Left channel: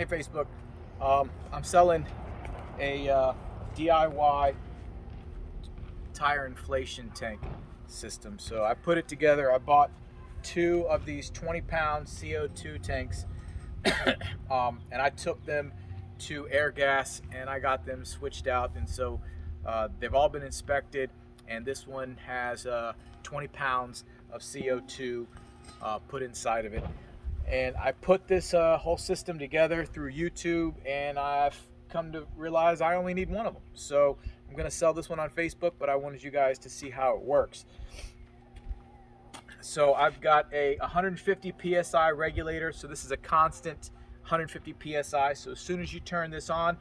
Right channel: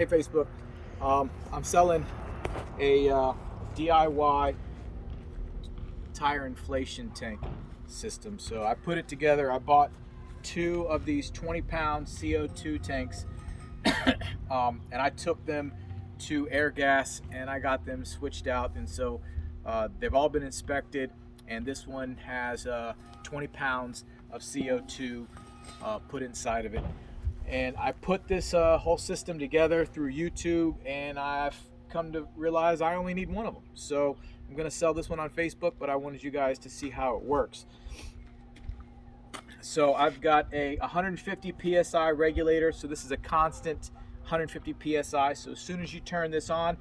Hey Facebook, I'm selling a DIY tire inflation tank system. So I put it together. I bought 2 of these 20-pound CO2 tanks and I took them to air gas and I got them switched out, and so they've all been inspected, and this one has 20 pounds of CO2 put inside of it. And I put this whole system together through YouTube, and I've come to realize I only need one of them. So I'm going to sell this one on Facebook, but I wanted you guys to see how it works. So I've got a 150 PSI regulator. So this is a constant 150 PSI. So as soon as you turn this on,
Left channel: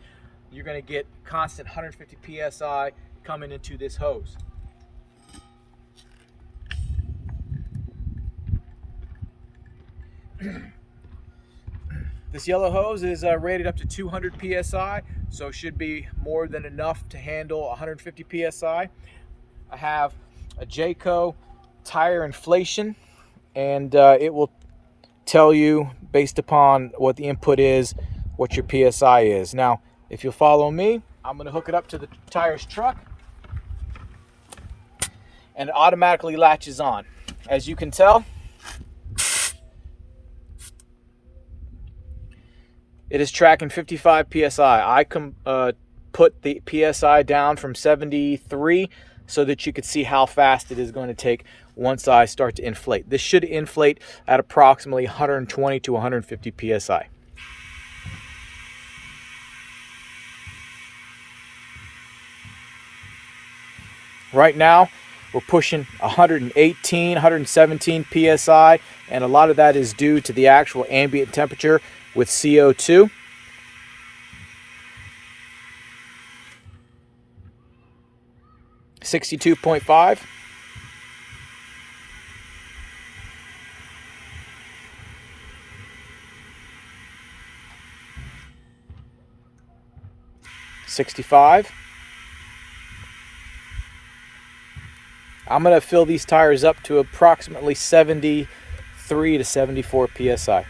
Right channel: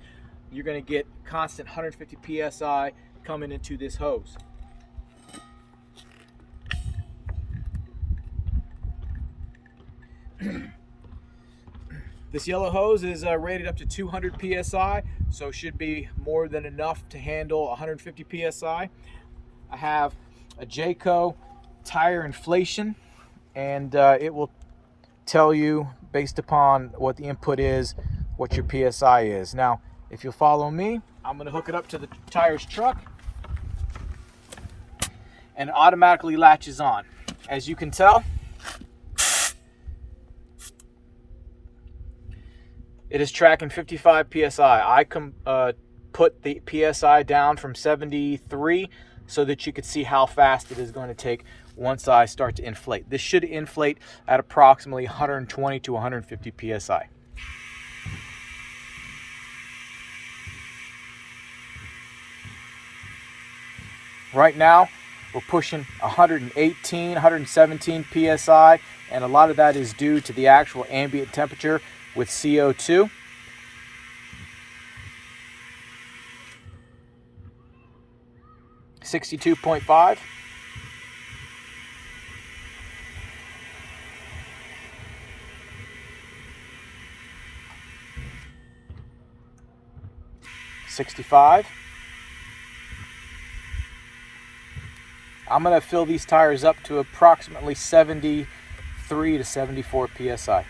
you're going to get constant 150 PSI coming into this hose. This yellow hose is rated up to 200 PSI, so it should be more than enough to handle 150 PSI. I have a Jayco tire inflation, and it will tell you, based upon what the input is, what your PSI is. Now, if you'll follow me, I'm going to hook it up to the tire's truck, and it automatically latches on. As you can tell, it is tracking 55 PSI. I put the PSI down from 73 so that you could see how fast it is going to take once I start to inflate. This should inflate at approximately 120 to 150 PSI. Right now, we're pushing 118, 117 PSI, and a lot of that is due to the actual ambient temperature with CO2. $62.5. $65. I'm going to fill these tires up to approximately 73 to 74 PSI.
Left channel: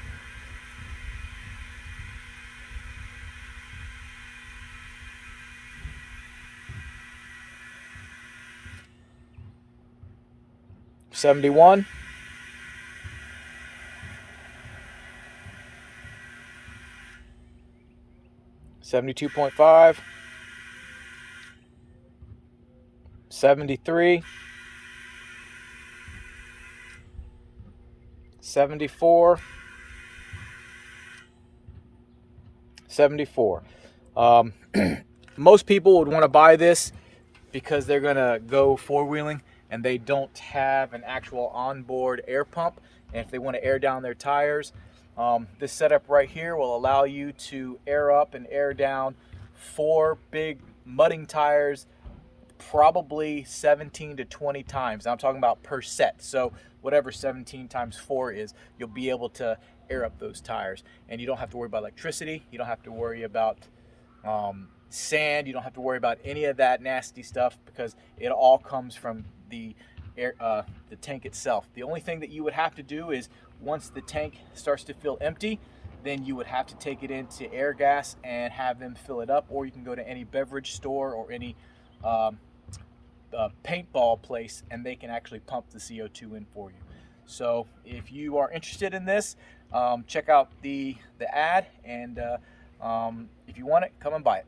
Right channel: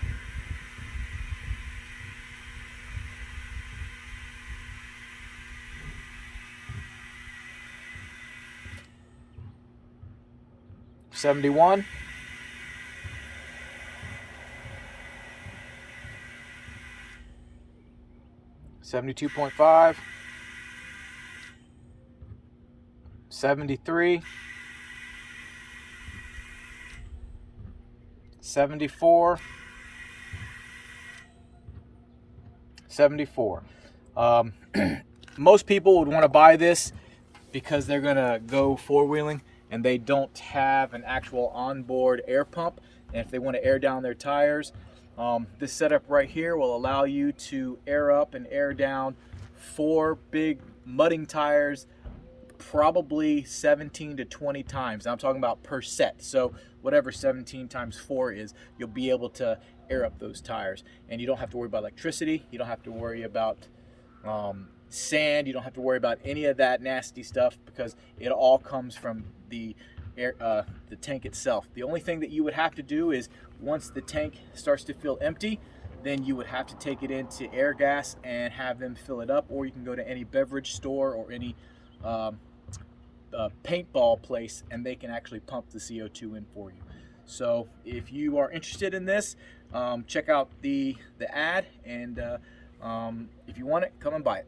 $71. $72.5. $73. $74. $74. Most people would want to buy this because they're going to go four-wheeling and they don't have an actual onboard air pump, and if they want to air down their tires, this setup right here will allow you to air up and air down 4 big mudding tires probably 17 to 20 times. Now I'm talking about per set, so whatever 17 times 4 is, you'll be able to air up those tires, and you don't have to worry about electricity, you don't have to worry about sand, you don't have to worry about any of that nasty stuff, because it all comes from the tank itself. The only thing that you would have to do is, once the tank starts to feel empty, then you would have to take it into air gas and have them fill it up, or you can go to any beverage store or any paintball place and they can actually pump the CO2 in for you. So if you are interested in this, check out the ad, and if you want it, come and buy it.